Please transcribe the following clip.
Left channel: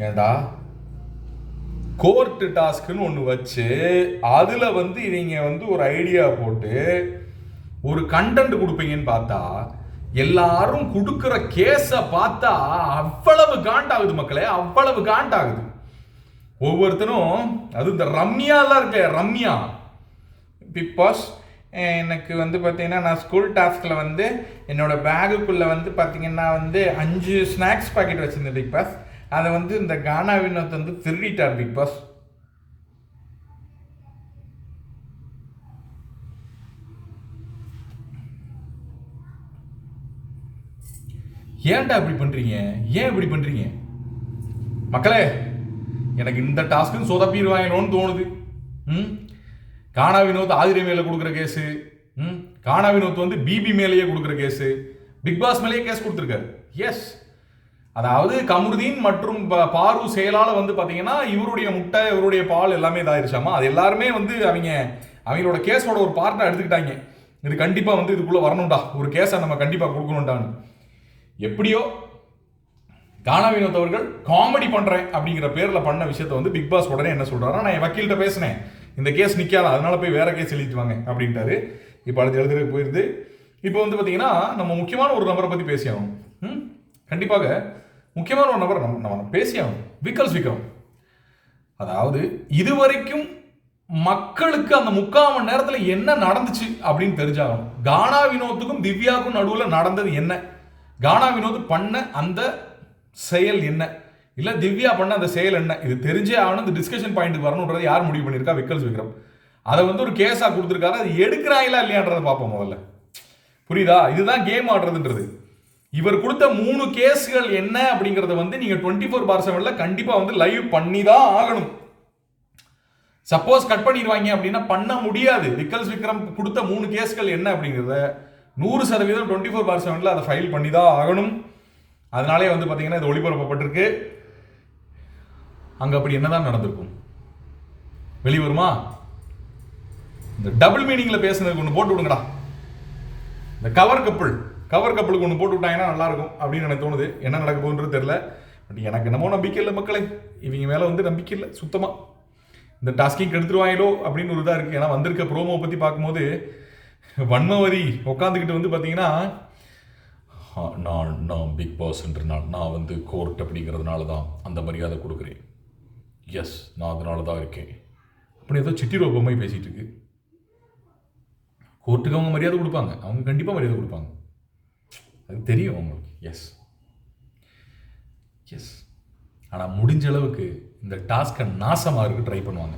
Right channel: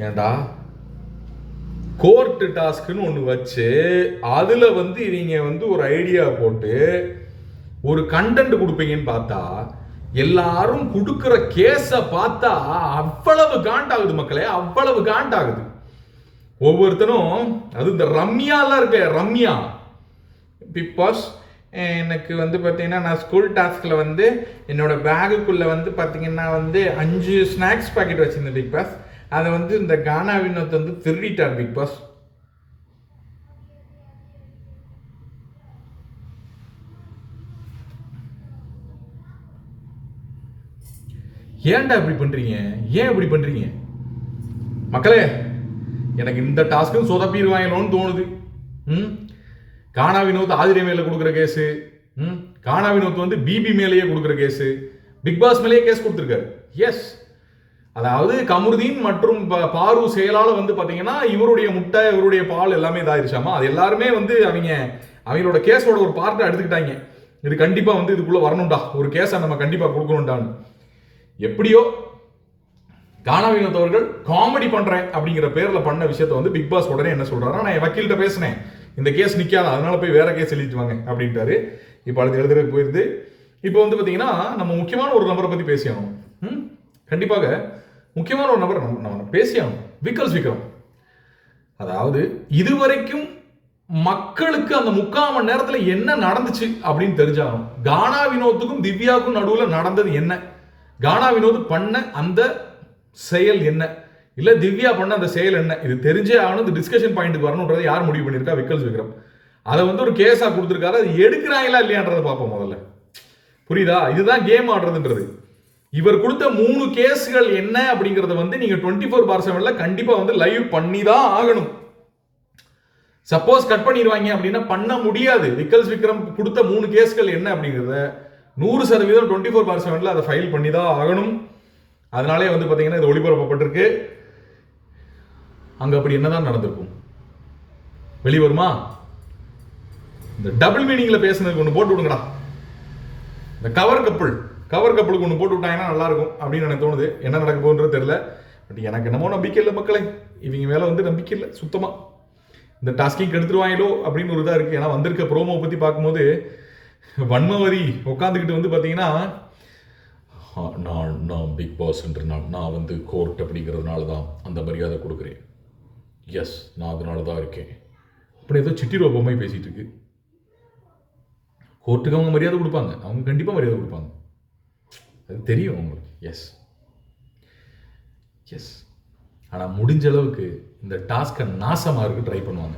ஏண்டா கோர்ட்டு டாஸ்க்குன்னு ஒன்று வச்சு அதில் வந்து இவங்க வந்து ஒரு ஐடியா போட்டு ஒரு கண்டென்ட் கொடுப்பீங்கன்னு பார்த்தா எல்லாரும் கொடுக்குற கேஸை பார்த்தா அவ்வளவு காண்டாகுது மக்களே அவ்வளவு காண்டாகுது ஒவ்வொருத்தரும் அது இந்த ரம்யாலாம் இருக்க ரம்யா. பிக் பாஸ் எனக்கு வந்து பார்த்தீங்கன்னா நான் ஸ்கூல் டாஸ்கில் வந்து என்னோடய பேகுக்குள்ளே வந்து பார்த்தீங்கன்னா வந்து அஞ்சு ஸ்நாக்ஸ் பாக்கெட் வச்சுருந்தேன் பிக் பாஸ் அதை வந்து இந்த கானா வினோத் வந்து திருடிட்டார் பிக் பாஸ். ஏன்டா இப்படி பண்ணுறீங்க ஏன் இப்படி பண்ணுறீங்க மக்களே எனக்கு இந்த டாஸ்க்கும் சொதப்பிடுவாங்களோன்னு தோணுது. ம்? கானா வினோத் ஆதிரை மேலே கொடுக்குற கேஸு. ம்? கானா வினோத் வந்து பிபி மேலேயே கொடுக்குற கேஸு. பிக் பாஸ் மேலேயே கேஸ் கொடுத்துருக்காரு. எஸ் அதாவது கமருதீன் மற்றும் ப- பாரு செயலால் வந்து பார்த்தீங்கன்னா இவருடைய முட்டை இவருடைய பால் எல்லாமே இதாகிருச்சாமா அது எல்லாருமே வந்து அவங்க அவங்களோட கேஸோட ஒரு பார்ட்டை எடுத்துக்கிட்டாங்க. இது கண்டிப்பாக வந்து இதுக்குள்ளே வரணும்டா. ஒரு கேஸை நம்ம கண்டிப்பாக கொடுக்கணும்டான்னு. எப்படியோ கானா வினோத் அவர்கள் காமெடி பண்ணுறேன் அப்படிங்கிற பேரில் பண்ண விஷயத்த வந்து பிக் பாஸ் உடனே என்ன சொல்கிறாரா நான் என் வக்கீல்கிட்ட பேசினேன். இந்த கேஸ் நிற்காத அதனால போய் வேற கேஸ் எழுதிட்டு வாங்க அப்படின்ட்டாரு. இப்போ அடுத்து எழுதுறதுக்கு போயிருது. இப்போ வந்து பார்த்தீங்கன்னா நம்ம முக்கியமான ஒரு நபரை பற்றி பேசியாகணும். ம்? கண்டிப்பாக முக்கியமான ஒரு நபர் நம்ம நம்ம பேசியாகணும். விக்கல்ஸ் விக்ரம். அதாவது இதுவரைக்கும் மக்களுக்கு அந்த முக்கால் மணி நேரத்தில் என்ன நடந்துச்சு அப்படின்னு தெரிஞ்சாகணும். கானா வினோத்துக்கும் திவ்யாவுக்கும் நடுவில் நடந்தது என்ன? கானா வினோத் பண்ண அந்த செயல் என்ன? இல்லை திவ்யா பண்ண அந்த செயல் என்ன? இது தெரிஞ்சே ஆகணும். இந்த டிஸ்கஷன் பாயிண்ட்டுக்கு வரணுன்றது யார் முடிவு பண்ணியிருக்கா? விக்கல்ஸ் விக்ரம். அதை வந்து ஒரு கேஸாக கொடுத்துருக்காரு. அது எடுக்கிறாங்களா இல்லையான்றதை பார்ப்போம் முதல்ல. புரியுதா? இதுதான் கேம் ஆடுறதுன்றது. இவர் கொடுத்த மூணு கேஸ்கள் என்ன அப்படிங்கறது வந்து நீங்க டுவெண்ட்டி ஃபோர் பார் செவன்ல கண்டிப்பா வந்து லைவ் பண்ணி தான் ஆகணும். சப்போஸ் கட் பண்ணிடுவாங்க அப்படின்னா பண்ண முடியாது. விக்கல்ஸ் விக்ரம் கொடுத்த மூணு கேஸ்கள் என்ன அப்படிங்கிறத நூறு சதவீதம் டுவெண்ட்டி ஃபோர் பார் செவனில் அதை ஃபைல் பண்ணி தான் ஆகணும். அதனாலே வந்து பார்த்தீங்கன்னா இது ஒளிபரப்பப்பட்டிருக்கு. அங்கே அப்படி என்னதான் நடந்திருக்கும்? வெளிய வருமா? இந்த டபுள் மீனிங்கில் பேசுனதுக்கு ஒன்று போட்டு விடுங்கடா. இந்த கவர் கப்புள் கவர் கப்பலுக்கு ஒன்று போட்டு விட்டாங்கன்னா நல்லாயிருக்கும் அப்படின்னு எனக்கு தோணுது. என்ன நடக்க போகுன்றது தெரில பட் எனக்கு என்னமோ நம்பிக்கை இல்லை மக்களே. இவங்க மேலே வந்து நம்பிக்கை இல்லை சுத்தமாக இந்த டாஸ்கிங் எடுத்துருவாங்களோ அப்படின்னு ஒரு இதாக இருக்குது ஏன்னா வந்திருக்க ப்ரோமோ பற்றி பார்க்கும்போது வன்மவரி உட்காந்துக்கிட்டு வந்து பார்த்தீங்கன்னா நான் நான் பிக் பாஸ்ன்றனால நான் நான் வந்து கோர்ட் அப்படிங்கிறதுனால தான் அந்த மரியாதை கொடுக்குறேன். எஸ் நான் அதனால தான் இருக்கேன். அப்படி ஏதோ சிட்டி பொம்மை பேசிகிட்டு இருக்கு. கோர்ட்டுக்கு அவங்க மரியாதை கொடுப்பாங்க. அவங்க கண்டிப்பாக மரியாதை கொடுப்பாங்க. அது தெரியும் உங்களுக்கு. எஸ் எஸ் ஆனால் முடிஞ்ச அளவுக்கு இந்த டாஸ்க்கை நாசமாக இருக்க ட்ரை பண்ணுவாங்க.